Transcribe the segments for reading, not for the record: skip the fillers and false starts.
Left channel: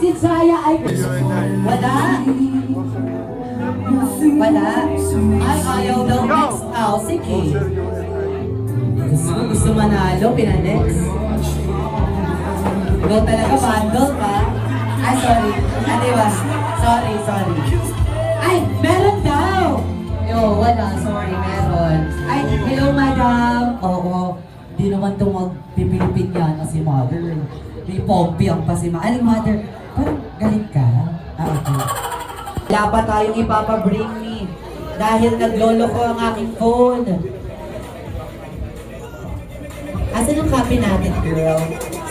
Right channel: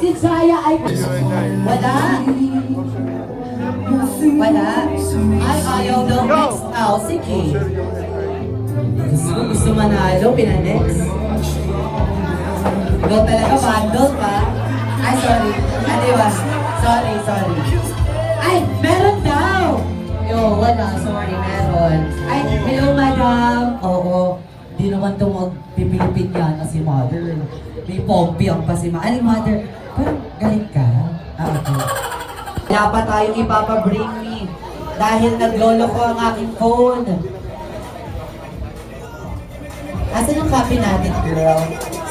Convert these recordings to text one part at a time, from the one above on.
Si Chaya ay wala. Wala. Ay, ayaw daw next. Oh, sige. Gusto manalo, pinanext. Go talaga, bundle ka. Ay, sorry. Ano ba? Sorry. Ay, meron daw. Wala. Sorry, meron. Ay, hello, madam. Oo. Di naman pipilipin yan kasi mother. May pompiang pa si Ay, mother. Pero galing ka. Okay. Wala pa tayong ipapabring me. Dahil naglolo ko ang aking phone. Asan yung copy natin, girl?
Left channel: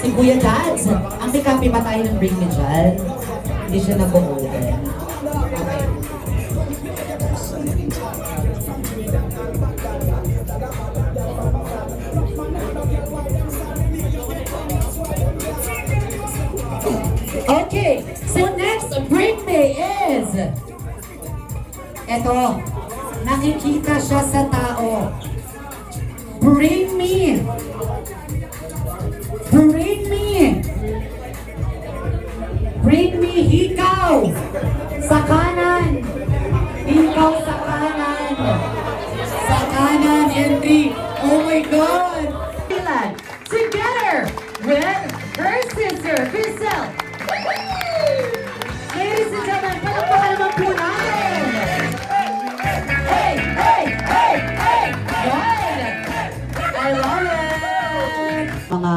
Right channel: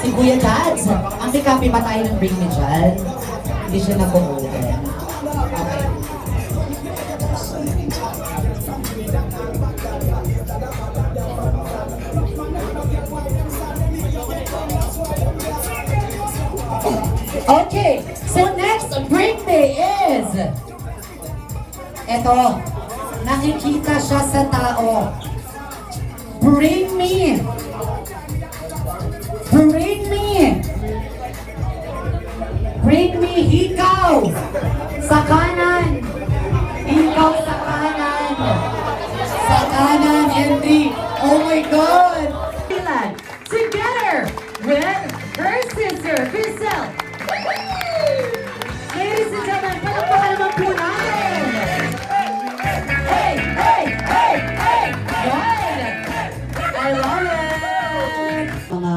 Si Kuya Dads. Ang may copy pa tayo ng bring me dyan. Hindi siya nag-order. Okay. Okay, so next bring me is eto, nakikita siya sa tao. Bring me ikaw sa kanan, Henry. Oh my God! Together with her sister, Crystal. Ladies and gentlemen, palakpakan naman po natin. Hey! Good! I love it! Mga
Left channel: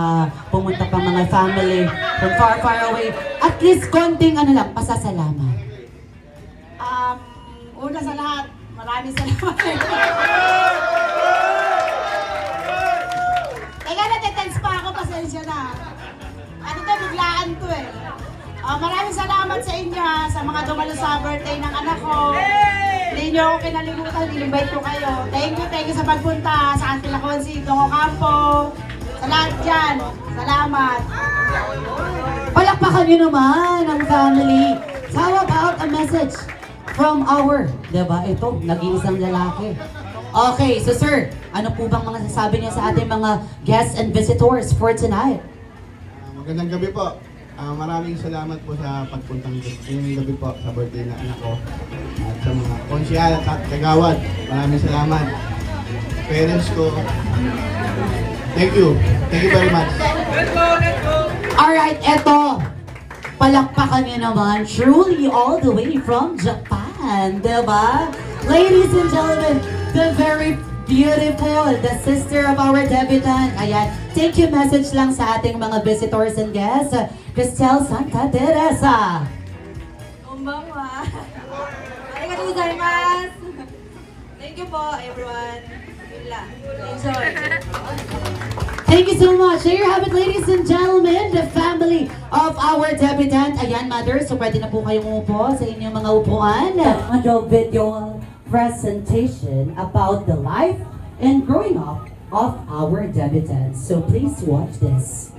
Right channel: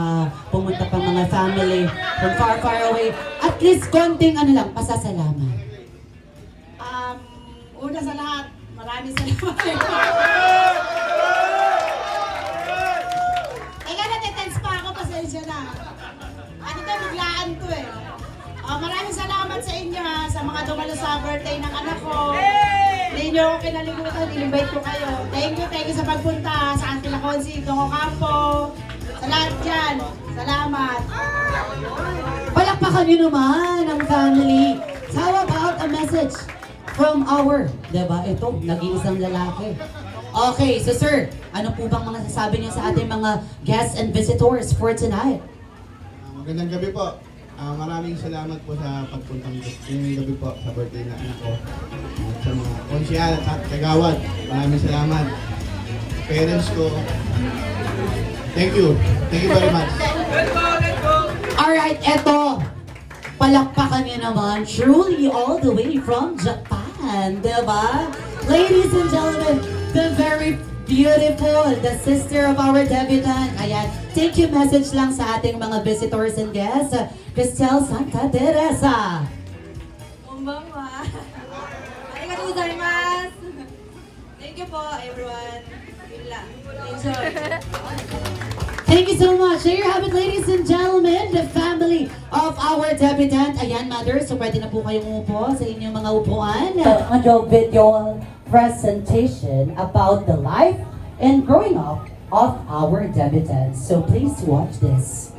pumunta pang mga family from far away. At least konting pasasalamat. Una sa lahat, maraming salamat. Teka, natitense pa ako, pasensya na. At ito, biglaan to eh. Maraming salamat sa inyo ha, sa mga dumalo sa birthday ng anak ko. Hindi nyo ako kinalimutan, in-invite ko kayo. Thank you sa pagpunta sa Auntie Laconsi, Dongo Campo. Sa lahat dyan, salamat. Palakpakan nyo naman ang family. How about a message from our, diba? Ito, nag-iisang lalaki. Okay, so sir, ano po bang mga sasabi niyo sa ating mga guests and visitors for tonight? Magandang gabi po. Maraming salamat po sa pagpuntang ngayong gabi po sa birthday ng anak ko. At sa mga konsyal at kagawad, maraming salamat. Parents ko, thank you. Thank you very much. Alright, eto. Palakpakan niyo naman, truly all the way from Japan, diba? Ladies and gentlemen, the very beautiful, the sister of our debutant. Ayan, thank you message lang sa ating mga visitors and guests. Cristel Santa Teresa. Konbanwa. Arigatou gozaimasu. Thank you po, everyone. Yun lang. Enjoy. Thank you so much. There you have it, ladies and gentlemen, the family of our debutant. Ayan, mother, so pwede na po kayong umupo sa inyong mga upuan. Video presentation about the life and growing up of our debutants. So please watch this.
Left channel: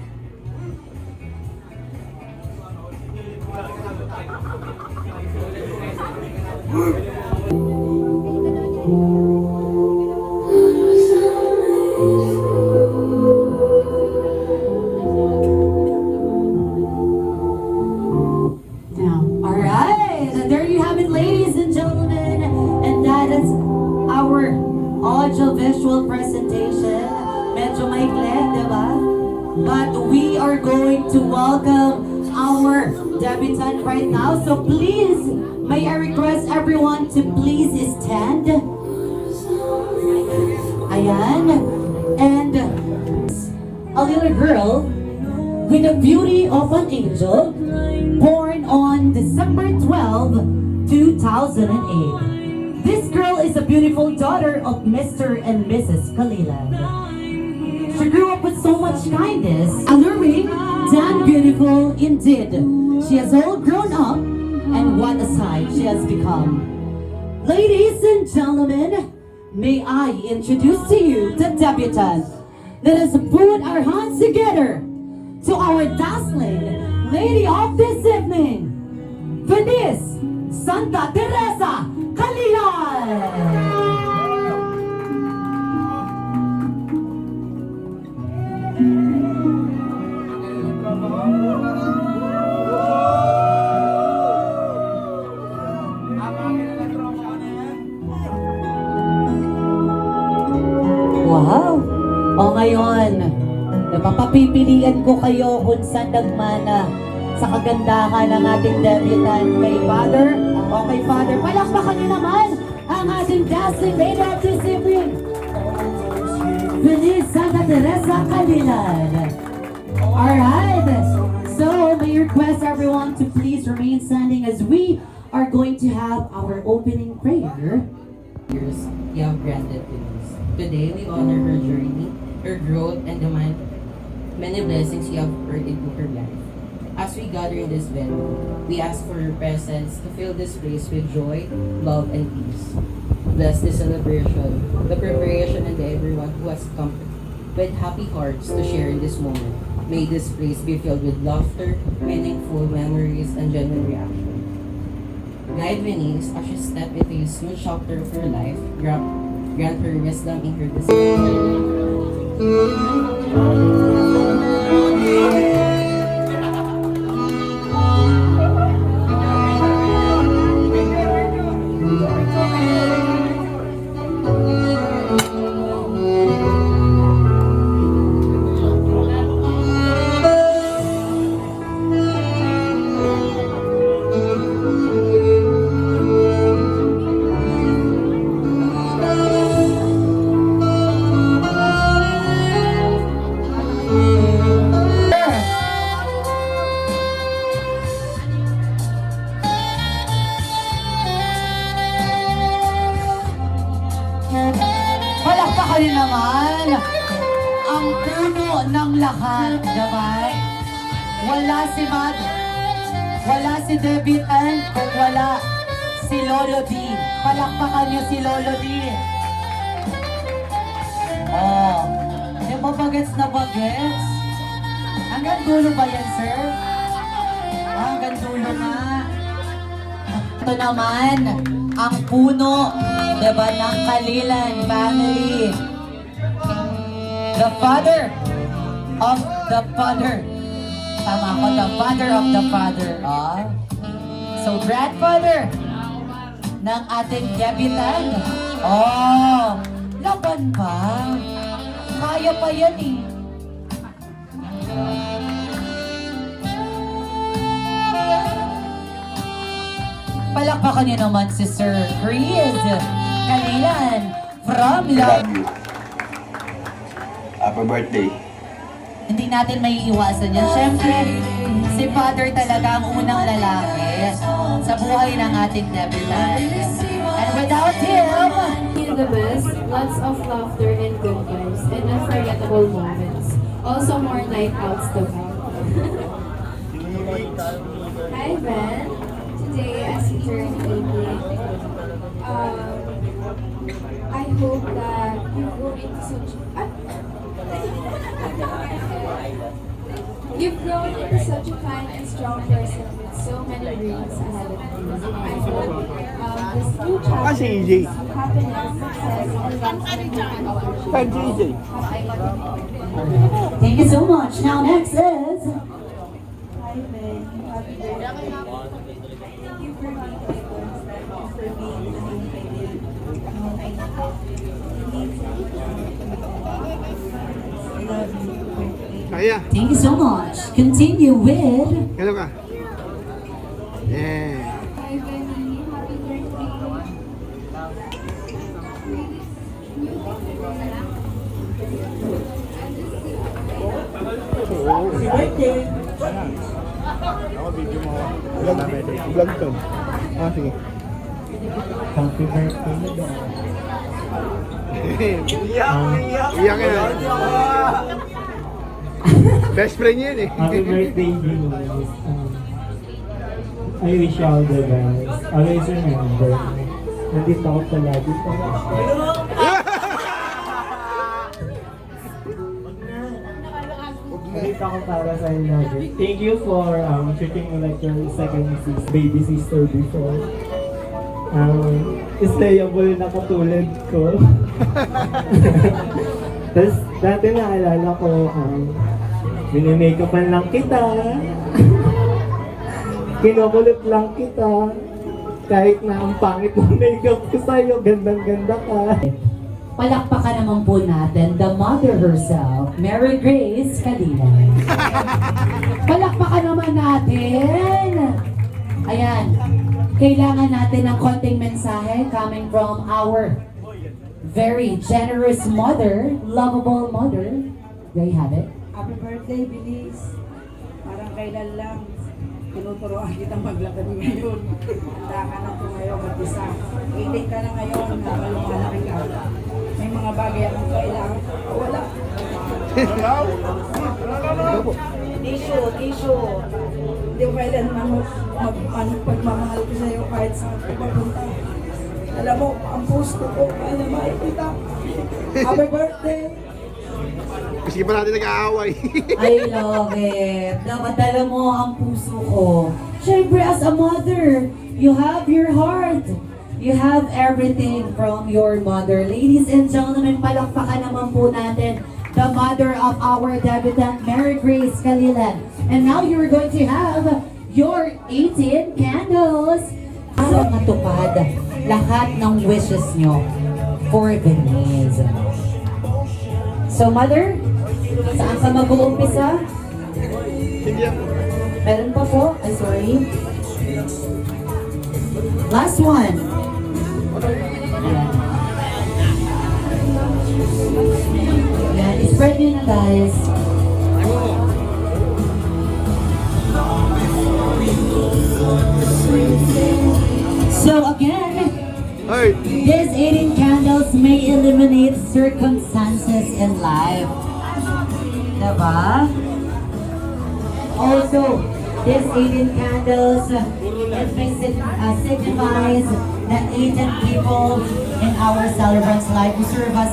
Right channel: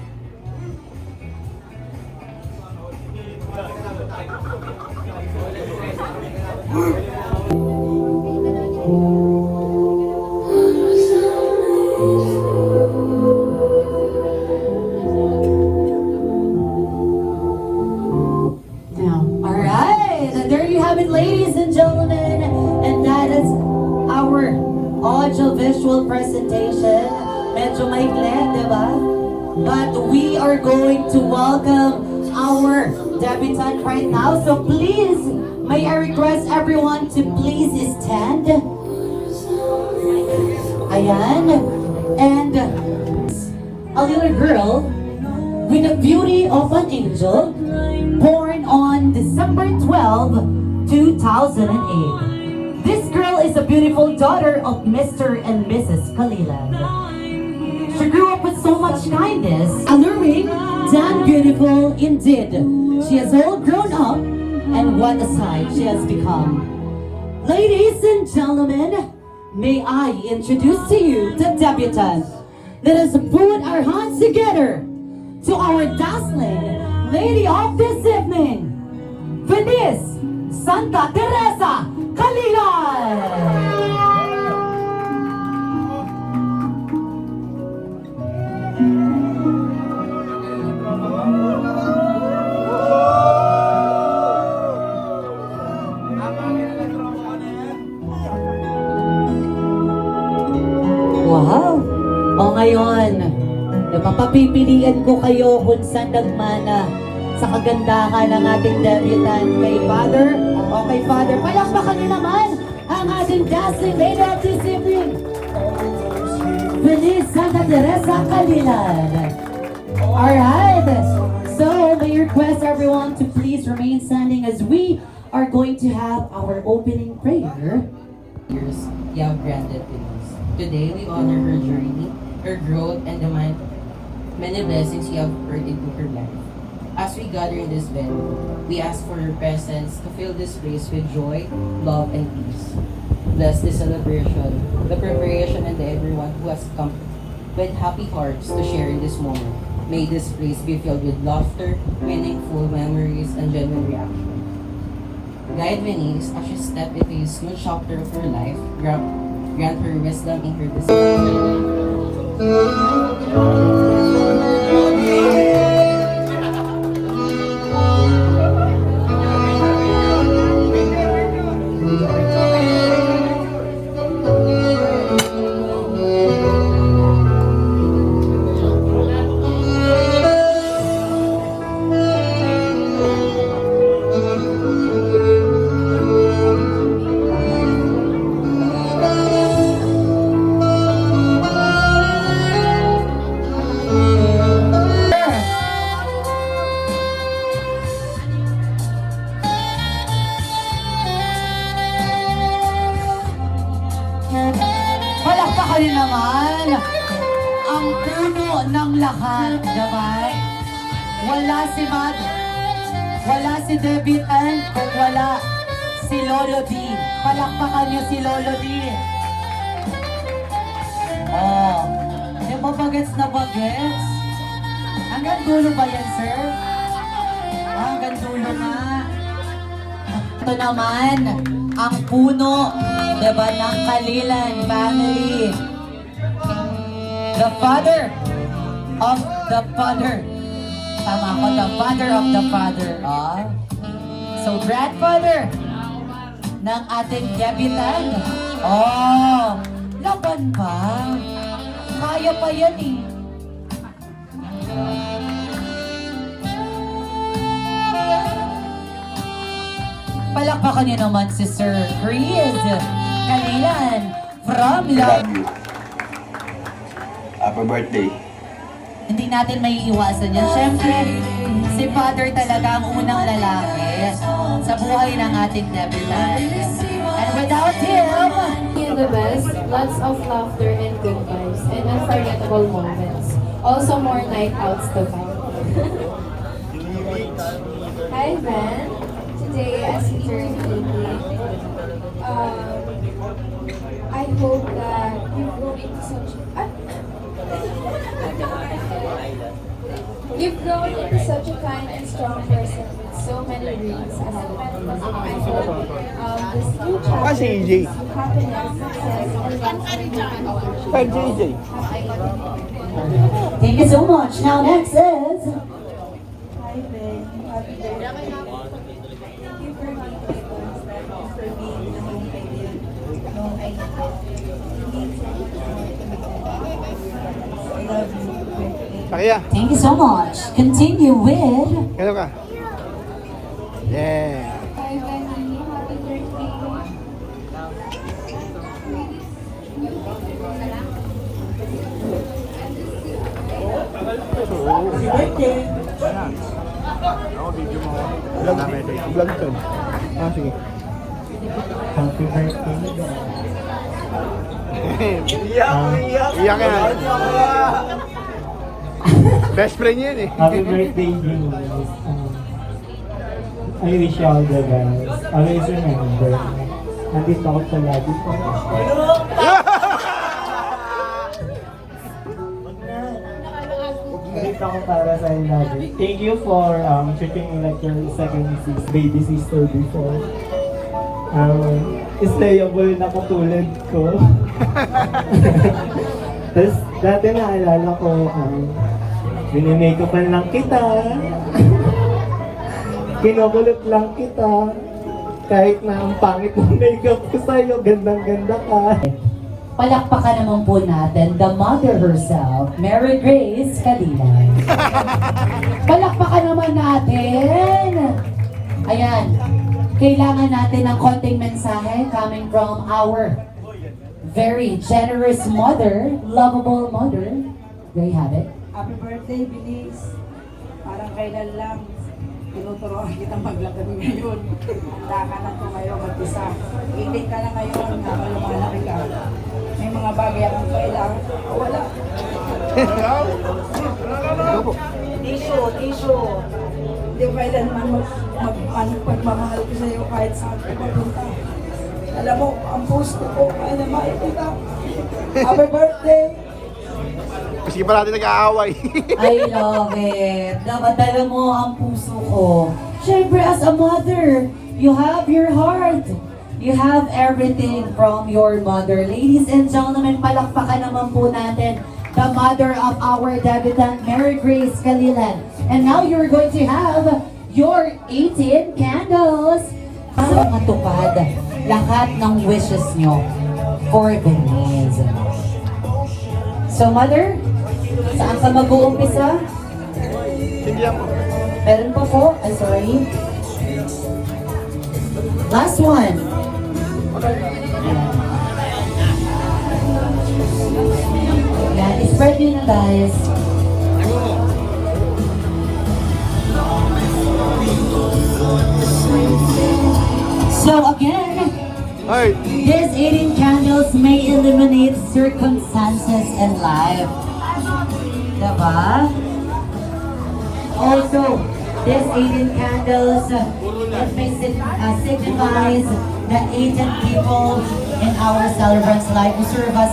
Audio-visual presentation. Medyo maikli, diba? But we are going to welcome our debutant right now. So please, may I request everyone to please stand. Ayan. And a little girl with the beauty of an angel, born on December 12, 2008. This girl is a beautiful daughter of Mr. and Mrs. Kalilan. She grew up with so much kindness, alluring, and beautiful indeed. She has all grown up, and what a sight she has become. Ladies and gentlemen, may I introduce to you the debutant. Let us put our hands together to our dazzling lady of this evening, Venice Santa Teresa Kalilan! ngayon, papapipilian ko kayo kung saan nagmana sa kagandahan ng ating debutant kay Father. Okay, Father, palakpakan niyo naman ang ating Dazzling Lady at Sibling. Feliz Santa Teresa Calilan. Alright, so may request everyone to please remain standing as we are going to have our opening prayer. Years you have granted to us. Today we honor her journey, her growth, and the many blessings you have poured into her life. As we gather in this venue, we ask for your presence to fill this place with joy, love, and peace. Bless this celebration, the preparation, and everyone who has come with happy hearts to share in this moment. May this place be filled with laughter, meaningful memories, and genuine reaction. Guide Venice as she step into a smooth chapter of her life. Grant her wisdom in her decision. Palakpakan niyo naman ang puno ng lahat, diba? Wala si Mad, wala si debutant, kung wala si Lolo D. Palakpakan niyo si Lolo D. Oh, di ba bagets na bagets? Hanggang dulo ba yan, sir? Hanggang dulo nga. Ito naman, ang puno, diba, ng Calilan family. The father of the father. Tama ko, the father of the father. Ah. So, grandfather ng ating debutant. Oh, laban pa. Kaya pa yan eh. Palakpakan niyo naman si Sir Chris Calilan from Love you. Happy birthday. Hindi natin may iwasan yan. Siyempre, si Father talaga ang unang lalaki sa buhay ng ating debutant. And without him, The best, lots of laughter and good vibes, and unforgettable moments. Also more night outs to come. Hi Ben, today as you turn 50, I hope that you grow into such you've grown into such a kind and strong person with so many dreams ahead of you. I hope this new chapter brings you happiness, success, and lots of happy opportunities. thank you so much. Now next is... Hi Ben, happy birthday. Kaya, Thank you so much. Continue with... hello ka. Yeah. Hi Benny, happy birthday. Happy birthday. Vlog ito. Ah, sige. Happy birthday. Iyak ka na. Best friend yan eh. Happy birthday, Bruce. I wish you all the best. Always remember, nandito ako palagi po. Nandito ako para sa lagi. Thank you for treating me like your second baby sister before. Stayable na katulad ko. Tapos dati naalala ko, minimakeupan lang kita. Kinukulot lang kita. Kahit na ang pangit ng makeup ko sa'yo, gandang-ganda ka. palakpakan naman po natin the mother herself, Mary Grace Calilan. Palakpakan naman natin. Ayan, kailangan natin ng konting mensahe coming from our very generous mother, lovable mother. There you have it. Happy birthday, Bilis. Parang kailan lang tinuturoan kita maglakad ngayon. Handa ka na tumayo mag-isa. 18 ka na ngayon, nakalumanaki ka. May mga bagay akong kailangan. Wala. Tissue. Hindi ko kailan pagmamahal ko sa'yo kahit saan ko magpunta. Alam mo, ang post ko, kaya maipita. Happy birthday! Kasi pa natin nag-aaway. I love it. Napadala mo ang puso ko. Siyempre, as a mother, you have your heart. You have everything from your mother. Ladies and gentlemen, palakpakan naman po natin the mother of our debutant, Mary Grace Calilan. And now you're going to have your 18 candles. Para matupad lahat ng wishes nyo for the needs. So, mother, saan ka mag-uumpisa? Meron pa po? I'm sorry. Last one. Yan, spread nyo na guys. So again, these 18 candles may illuminate circumstances in life. Diba? Also, these 18 candles signifies the 18 people in our celebrant's life who serve us.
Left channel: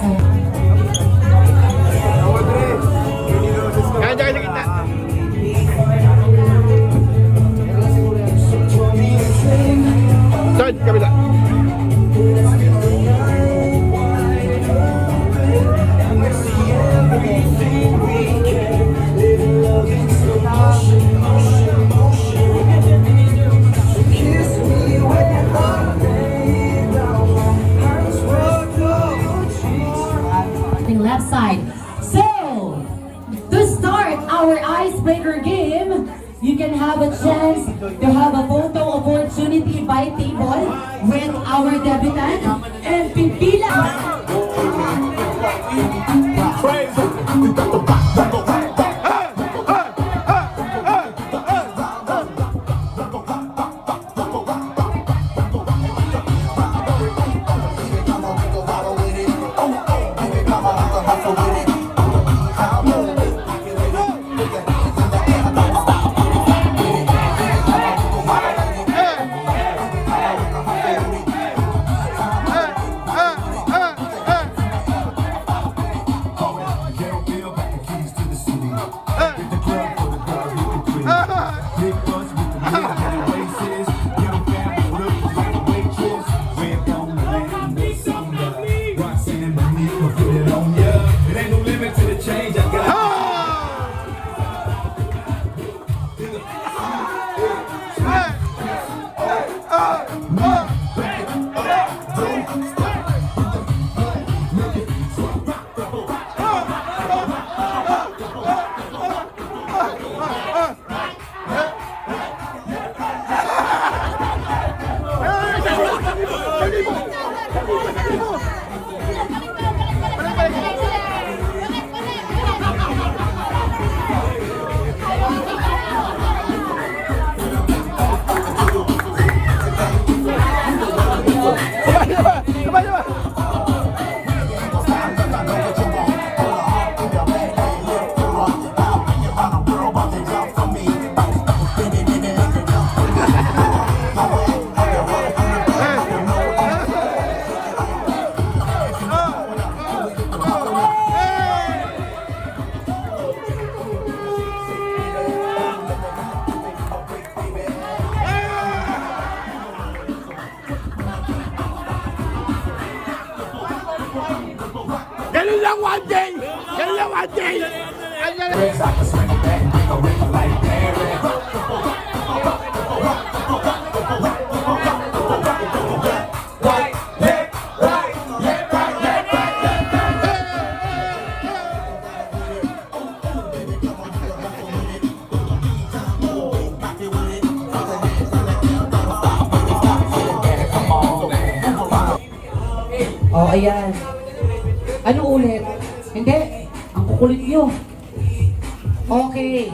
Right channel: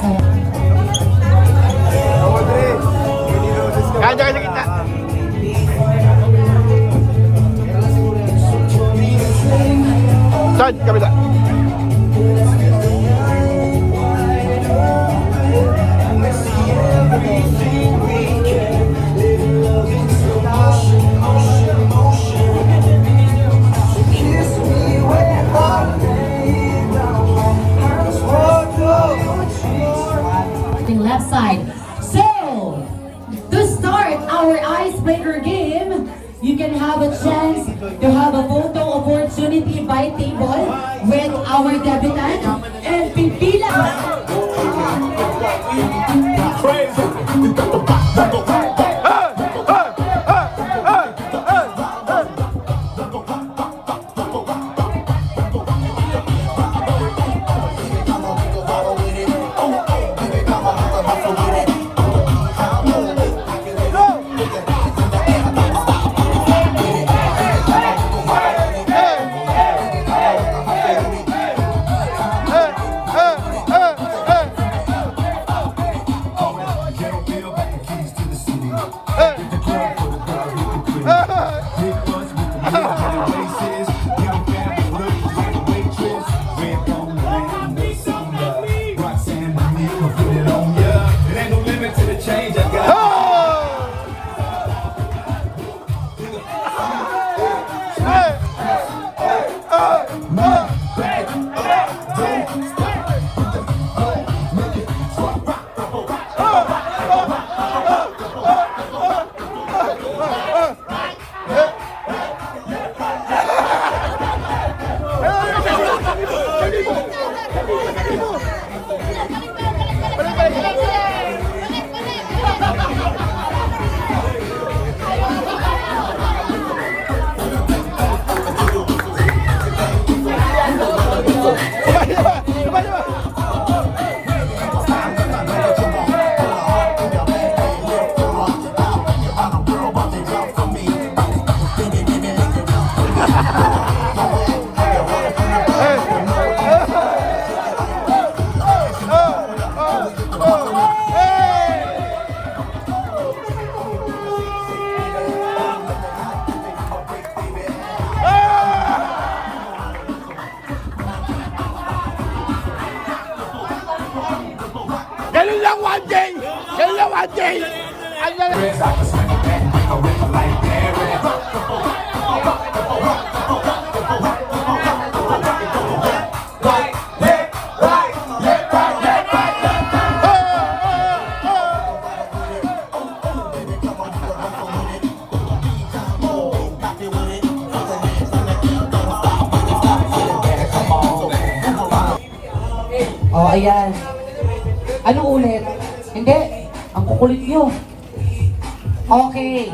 Left side. So, to start our icebreaker game, you can have a chance to have a photo opportunity by table with our debutant and pipila. Ganun lang one day! Ganun lang one day! Oh, ayan. Anong ulit? Hindi. Ang kukulit nyo. Okay.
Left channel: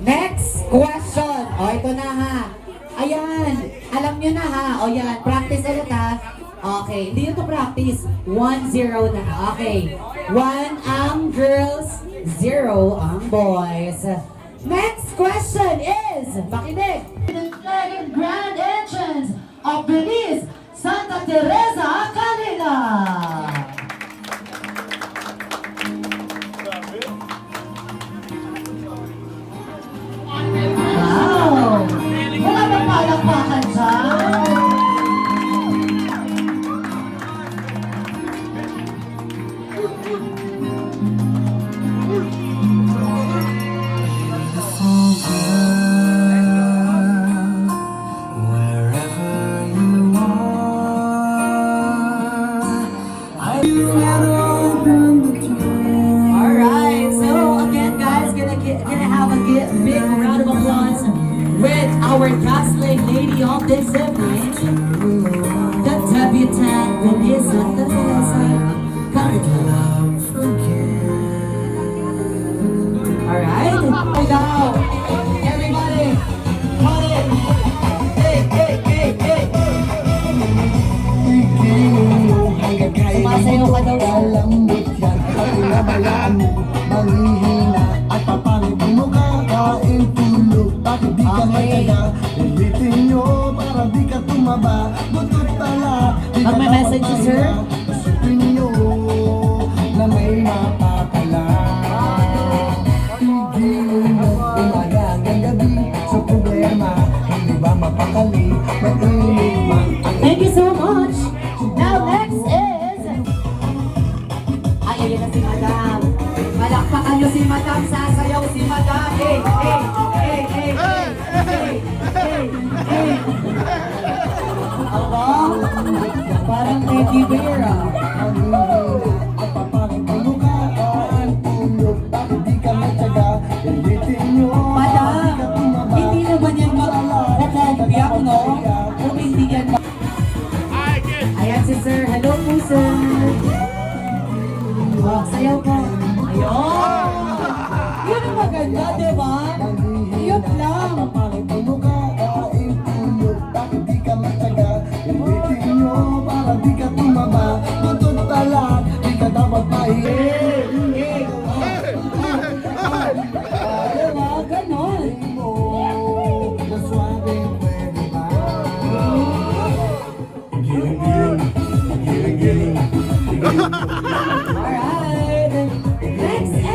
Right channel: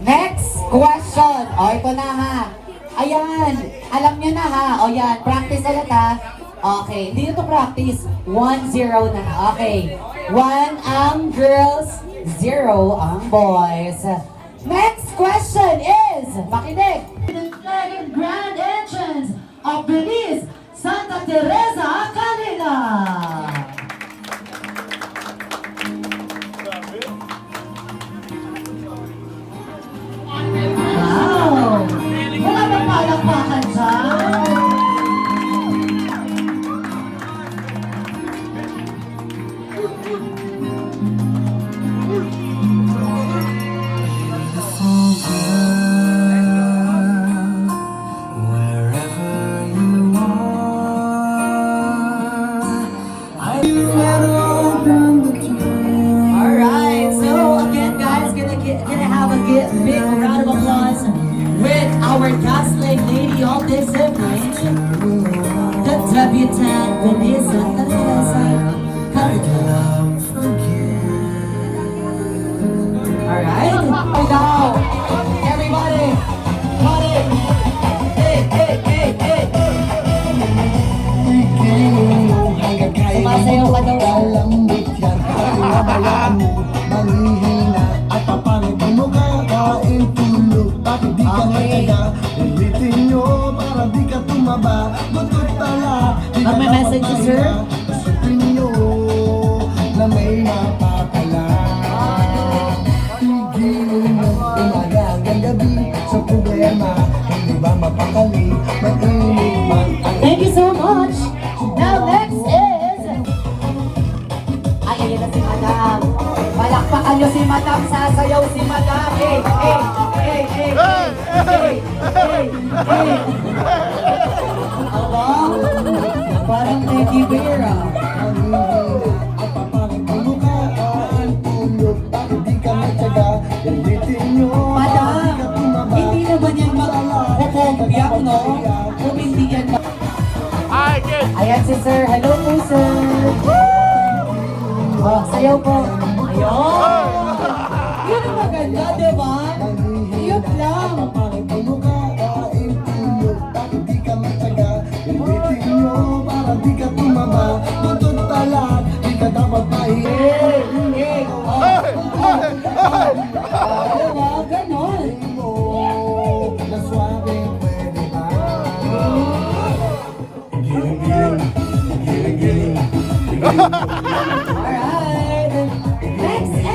Next question. O, ito na ha. Ayan. Alam nyo na ha. O, yan. Practice ulit ha. Okay. Hindi nyo to practice. 1-0 na. Okay. 1 ang girls, 0 ang boys. Next question is, makinig. The second grand entrance of Belize, Santa Teresa, Canela. Wow! Wala bang palakpakan dyan? Alright, so again guys, gonna have a big round of applause with our Gaslight Lady of this evening, the debutante Belize Santa Teresa Canela. Alright, now, everybody, come in. Hey, hey, hey, hey. Sumasayaw ka daw. Ang may message niyo, sir? Thank you so much. Now next is... Ay, ayun na si Madam. Palakpakan niyo si Madam. Sasayaw si Madam. Hey, hey, hey, hey, hey, hey, hey. Aba, parang Teddy Bear ah. Madam, hindi naman yan mag-kumpiyak, no? Kung hindi yan Ayan si sir. Hello po, sir. Oh, sayaw po. Ayun. Yun ang maganda, di ba? Yun lang. Next is...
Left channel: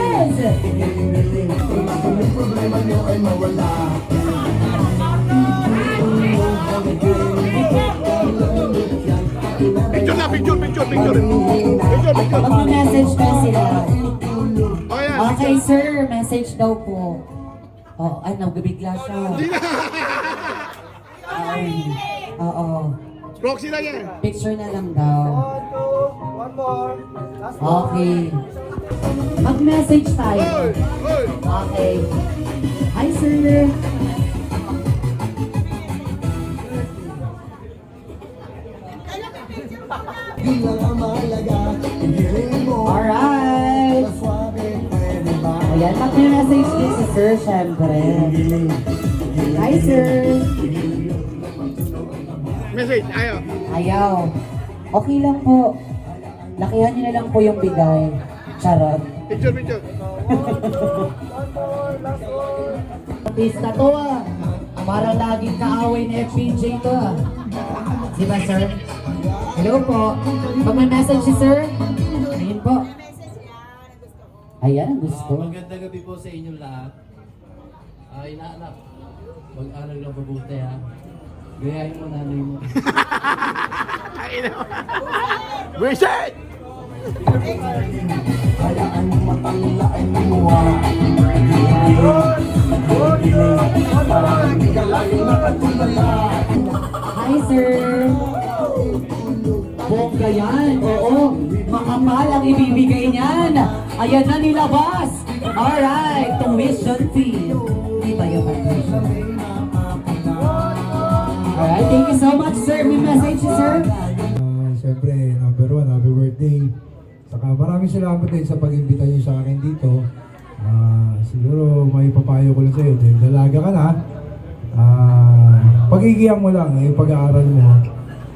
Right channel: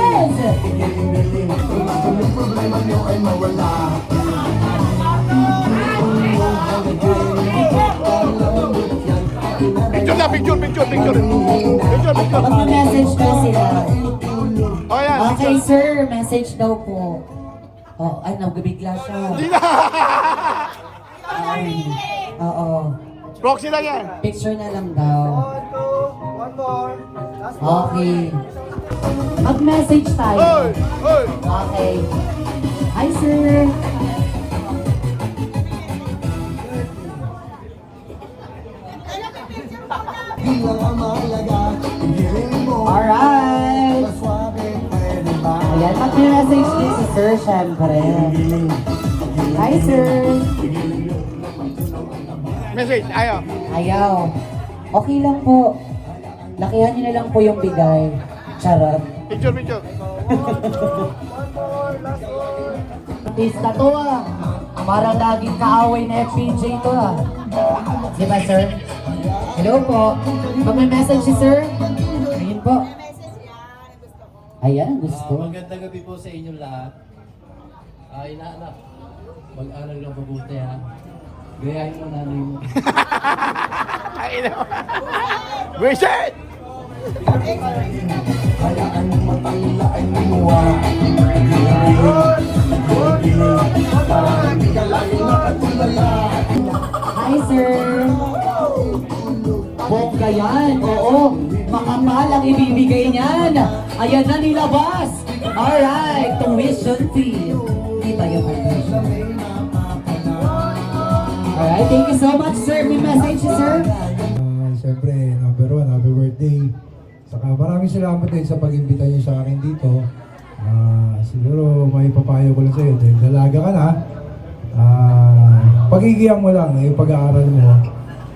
Picture na, picture. Picture. Mag-message daw sila. O yan, Okay, sir. Message daw po. Oh, ay, nabigla siya. Oo. proxy lang yan. Picture na lang daw. Okay. Mag-message tayo. Hoy! Hoy! Okay. Hi, sir. Alright. Ayan, mag-message din si sir, syempre. Hi, sir. Message, ayaw. Ayaw. Okay lang po. Lakihan niyo na lang po yung bigay. Charot. Picture. Artista to ah. Parang laging kaaway na FPJ to ah. Di ba, sir? Hello po. Pag may message si sir, ayun po. Ayan, ang gusto. Magandang gabi po sa inyong lahat. Inaanak, mag-aral ng mabuti ha. Gayahin ko namin mo. Visit! Hi, sir. Bongga yan. Oo. Makapal ang ibibigay niyan. Ayan na nilabas. Alright. Tuition fee. Di ba yung tuition fee? Alright. Thank you so much, sir. May message, sir. Siyempre, number one, happy Maraming salamat din sa pag-imbita niyo sa akin dito. Siguro may papayo ko lang sa'yo. Dahil dalaga ka na, pag-igiyan mo lang yung pag-aaral mo.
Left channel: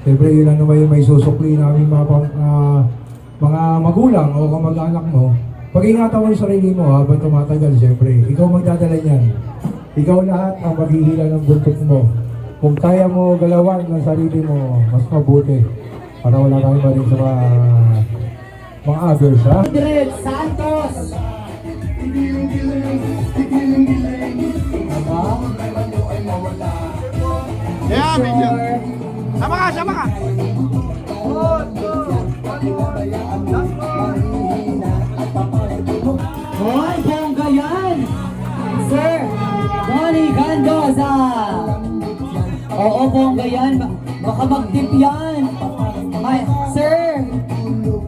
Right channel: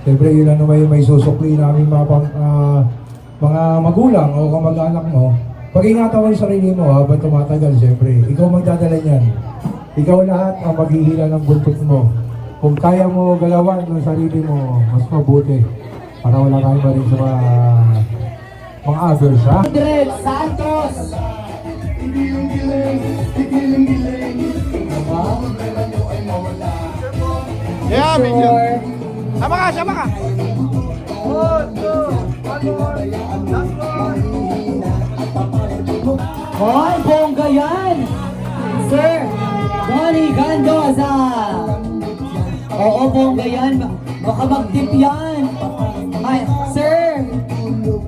Siyempre, yun ano may susukli namin mga magulang o kamag-anak mo. Pag-ingatan mo yung sarili mo habang tumatagal, siyempre. Ikaw magdadala niyan. Ikaw lahat ang maghihila ng buntot mo. Kung kaya mo galawan ng sarili mo, mas mabuti. Para wala kang rin sa mga others, ha? Andres Santos! Yeah, medyo. Sama ka, sama ka. Hoy, bongga yan! Sir, Donnie Gandoza! Oo, bongga yan. Baka mag-dip yan. Ay, sir!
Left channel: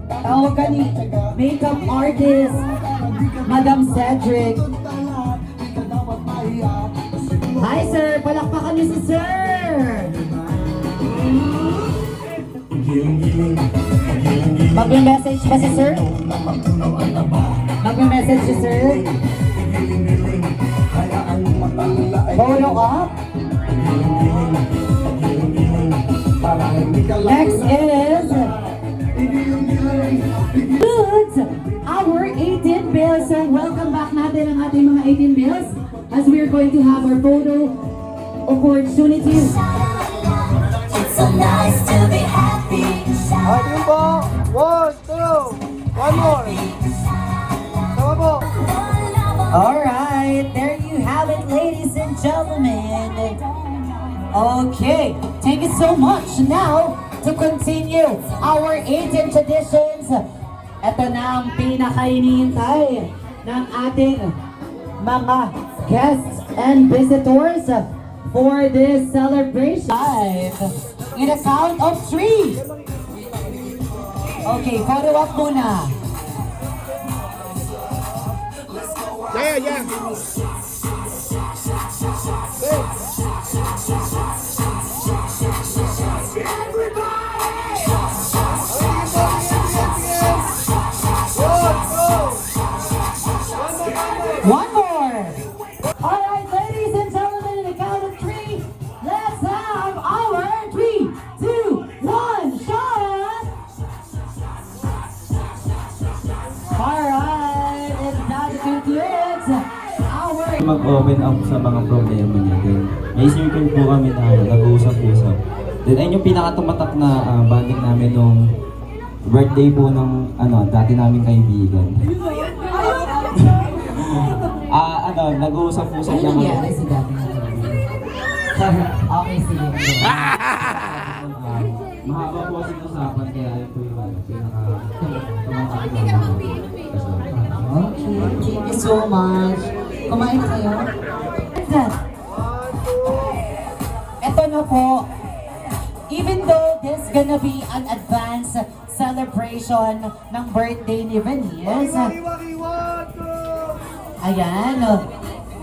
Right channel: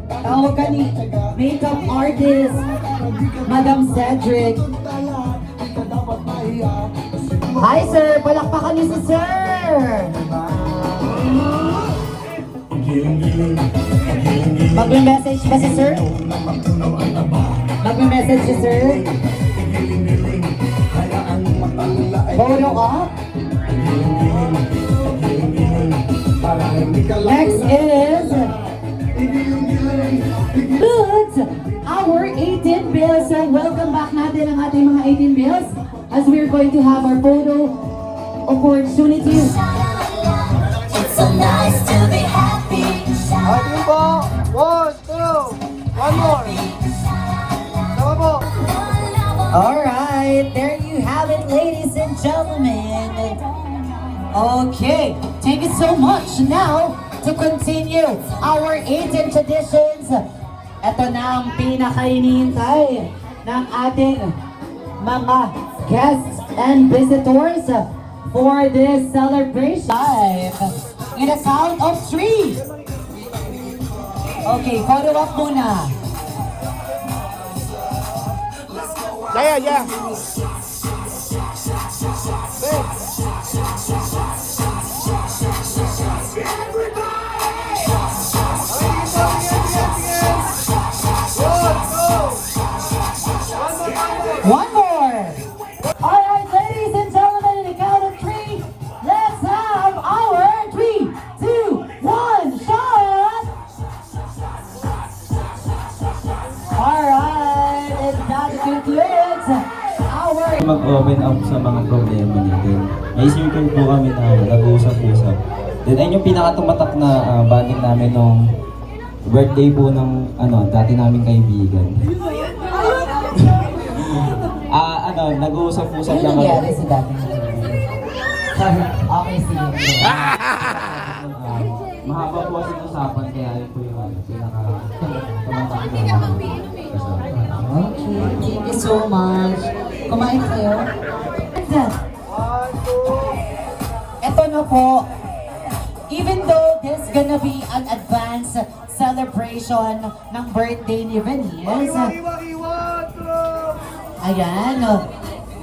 Tawag ka ni makeup artist, Madam Cedric. Hi, sir! Palakpakan niyo si sir! Magme-message ba si sir? Magme-message si sir? Photo up? Next is Goods, our 18 bills. And welcome back natin ang ating mga 18 bills as we're going to have our photo opportunity. It's so nice to be happy. Alright, there you have it, ladies and gentlemen. Okay, thank you so much. Now, to continue our 18 traditions, ito na ang pinakainihintay ng ating mga guests and visitors for this celebration. In a count of 3. Okay, photo up muna. Yeah, yeah. One more. All right, ladies and gentlemen, in the count of 3, let's have our 3, 2, 1 shot. All right, and that concludes our mag-open up sa mga problema natin. May circle po kami na nag-uusap-usap. Then ayun yung pinakatumatak na bonding namin nung birthday po ng dati naming kaibigan. Nag-uusap-usap ano lang nangyari sa dati? Okay, sige. Mahaba po kasi usapan kaya yun po yung pinaka-tumatak na Okay, thank you so much. Kumain kayo? Ito na po. Even though this gonna be an advanced celebration ng birthday ni Venice, ayan,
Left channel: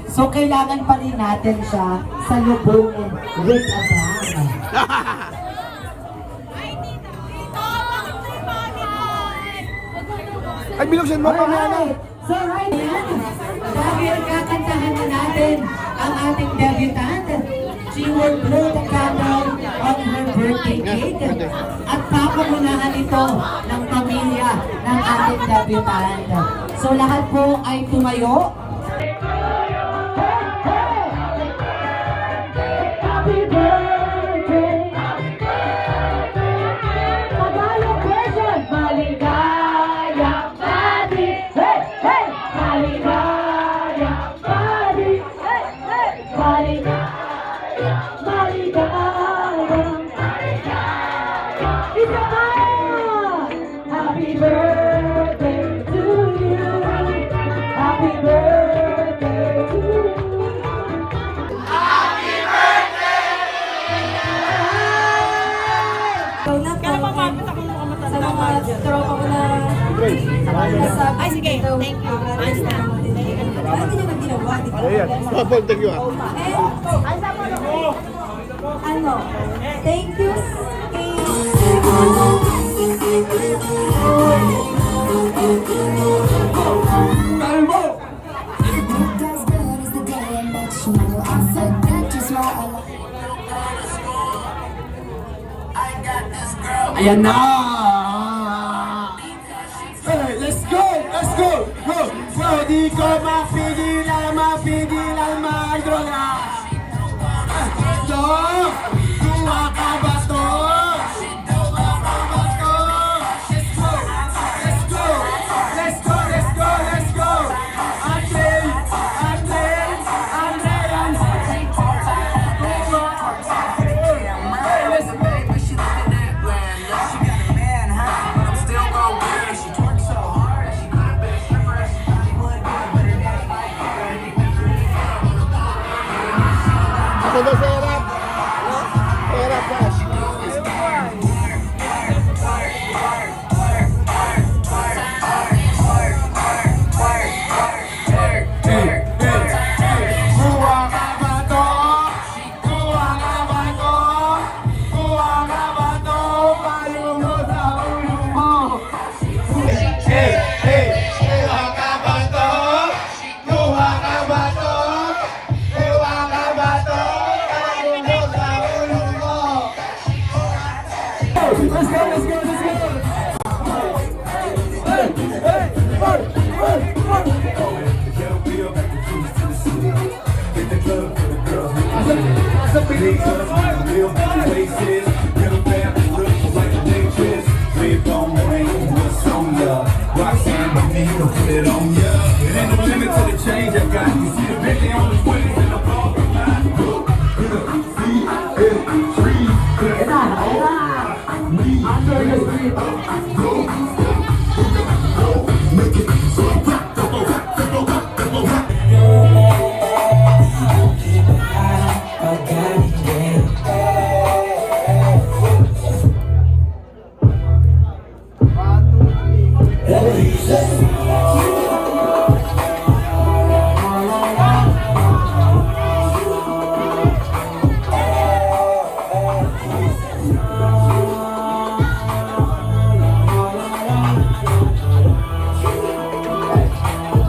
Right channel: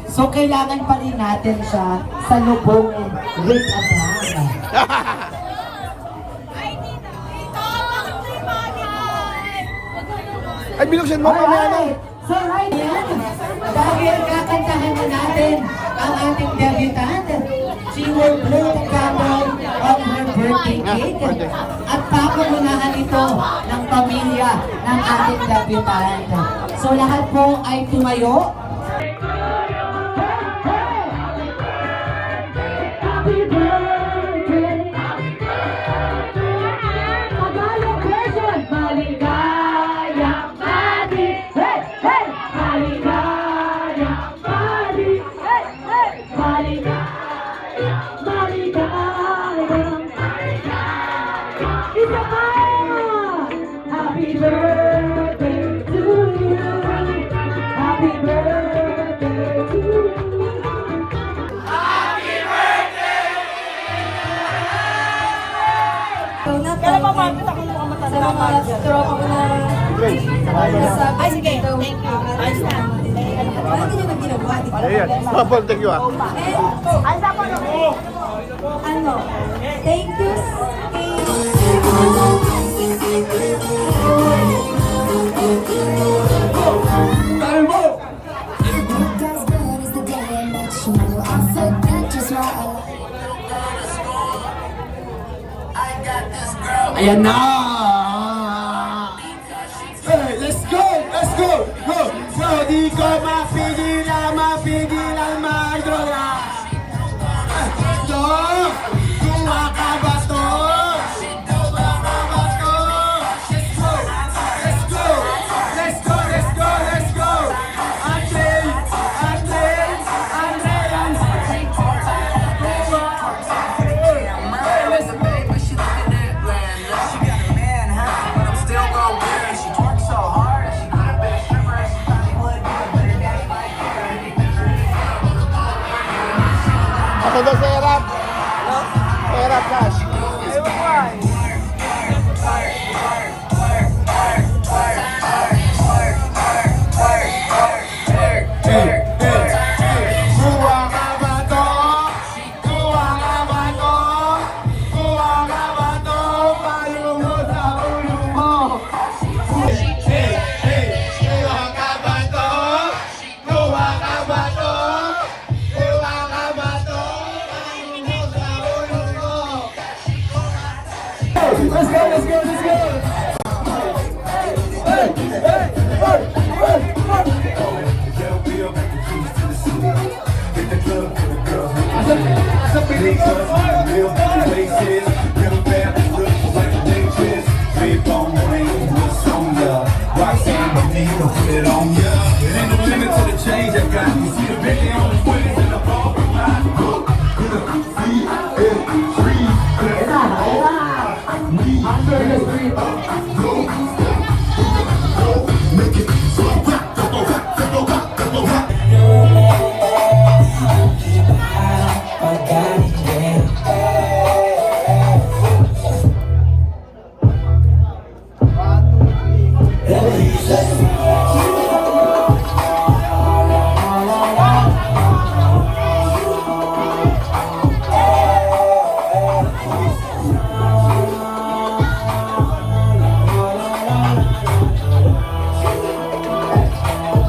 so kailangan pa rin natin siya sa lubong with a bang. Ay, binuksan mo. Alright, so right then, dahil kakantahan na natin ang ating debutant, she will blow the candle on her birthday cake at papalunahan ito ng pamilya ng ating debutant. So lahat po ay tumayo. Happy birthday! Maligayang version! Maligayang body! Hey! Hey! Maligayang body! Hey! Hey! Maligayang! Maligayang! Isa pa! Happy birthday to you! Happy birthday to you! Kailan ba mapit ako mukhang matanda? Ay, sige. Thank you. Ayos na. Ayan, thank you. Thank you. Ayan na! Hey, let's go! Let's go! Go! Go! Di ko mapigilan, mapigilan, madroga! Go! Kuha ka ba to? Kuha ka ba to? Let's go! Let's go! Let's go! Let's go! Let's go! Ako daw sa harap. Harap, Cash.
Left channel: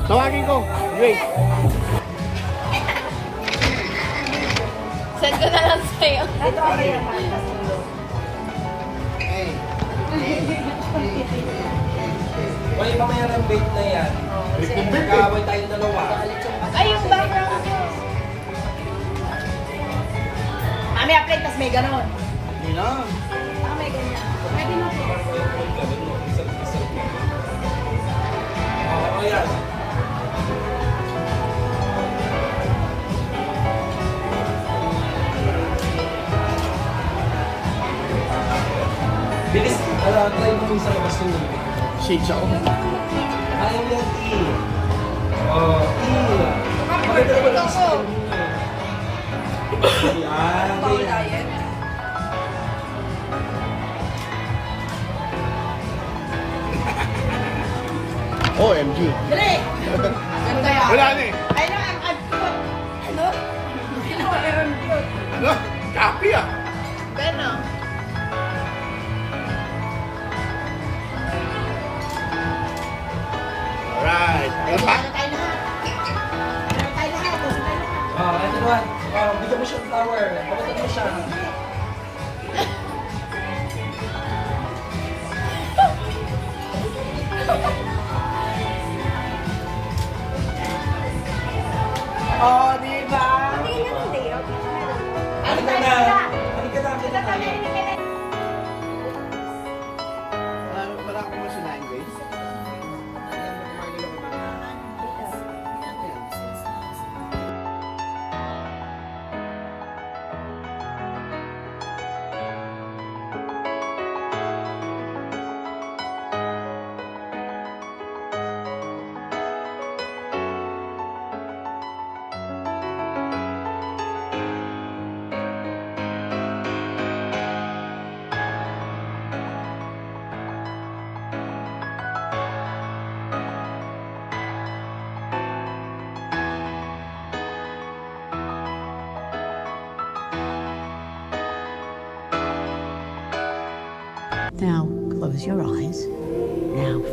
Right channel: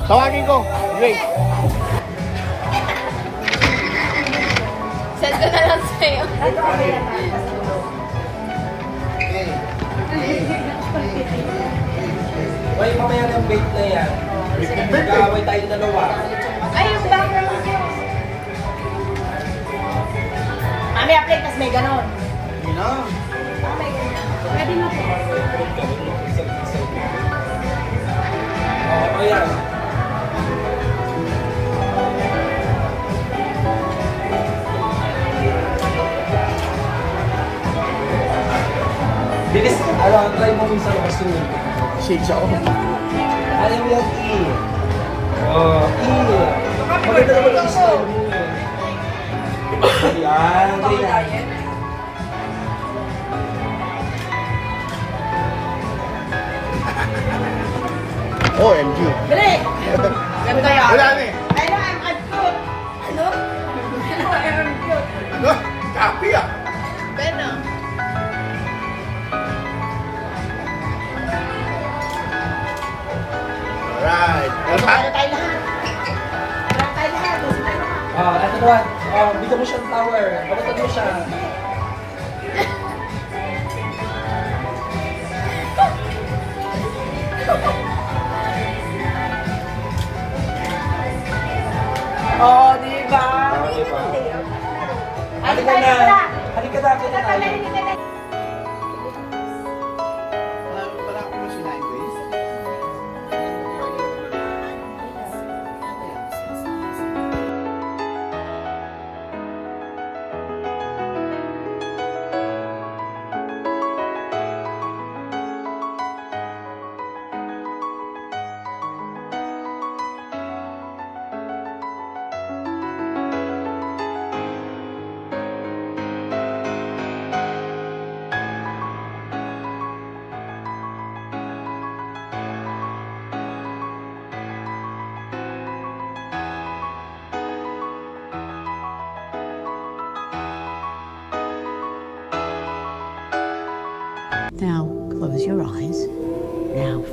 Tawagin ko, Grace. Send ko na lang sa'yo. Why mamaya ng bait na yan? Mag-aaway tayo dalawa. Ay, yung background ko. Mami, apply, tas may ganon. Ah, may ganyan. Pwede na po. Oo, yan. Bilis, alam, try mo sa labas yun. Shake siya ako. Ayaw mo yan, E. Oh, E. Maganda naman ang system mo. Yan, ganyan. OMG. Dali! Ganda yan. Wala na eh. Ay, no, I'm cute. Ano? I'm cute. Ano? Copy ah. Pero, Alright. Ano pa? Ano tayo lahat? Ano tayo lahat? Ito naman. Bigyan mo siya ng tower. Balatan mo siya. Oh, di ba? Halika na. Halika na. Halika na. Now, close your eyes. Now,